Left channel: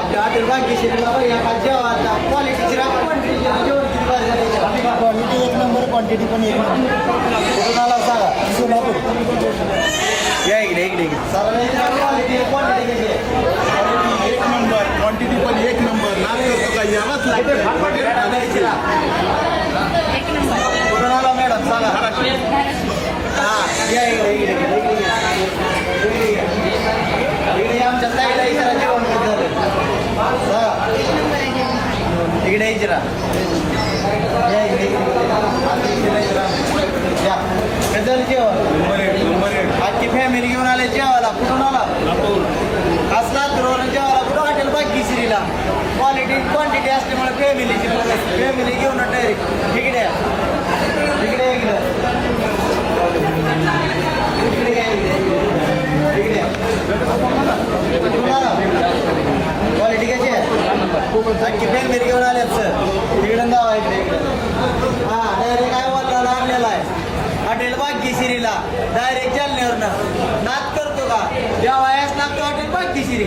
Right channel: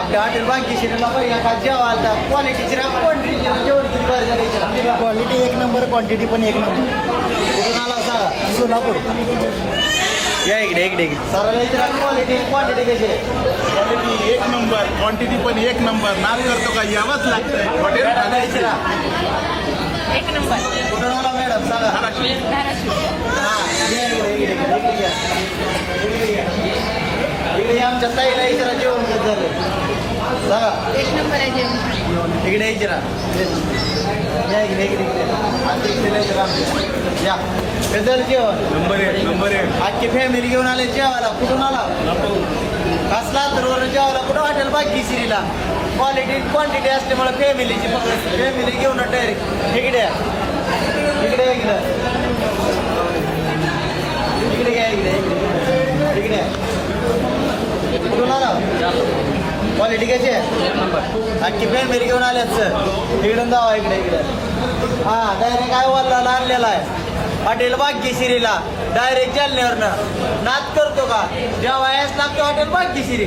आपल्या हॉटेल भाग्यश्रीला या जेवायला क्वालिटीची क्वालिटी एक नंबर, क्वांटिटी पण एक नंबर. कुठून आला सांगा? सोलापूर. या इकडे इकडे सरांना क्वालिटी क्वांटिटी कशी आहे? एक नंबर, क्वांटिटी पण एक नंबर. नाद करतो का यावंच लागतं. कुठून आला मॅडम सांगा? हां या इकडे इकडे इकडे या. इकडे आमच्या ताईला इकडे जेवण झालं सांगा. इकडे इकडे या इकडे या कसं जेवण नंबर एक. आजची फॅमिली घेऊन आले जेवायला. कुठून आला? असला तर जेवायला कुठं हॉटेल भाग्यश्रीला. क्वालिटी क्वांटिटी असल्यामुळे फॅमिलीची फॅमिली घेऊन डायरेक्ट इकडे इकडे इकडे इकडे काय इकडे इकडे कुठून आला? क्वालिटी कशी आहे? आजची फॅमिली घेऊन आल्यात सर. इकडे जावा इकडे इकडे. हां डायरेक्ट काय वाला लागलेला आहे हॉटेल भाग्यश्रीला. डायरेक्ट जालन्यावरनं नाद करतो का? जेव्हा याच लागतो हॉटेल भाग्यश्री.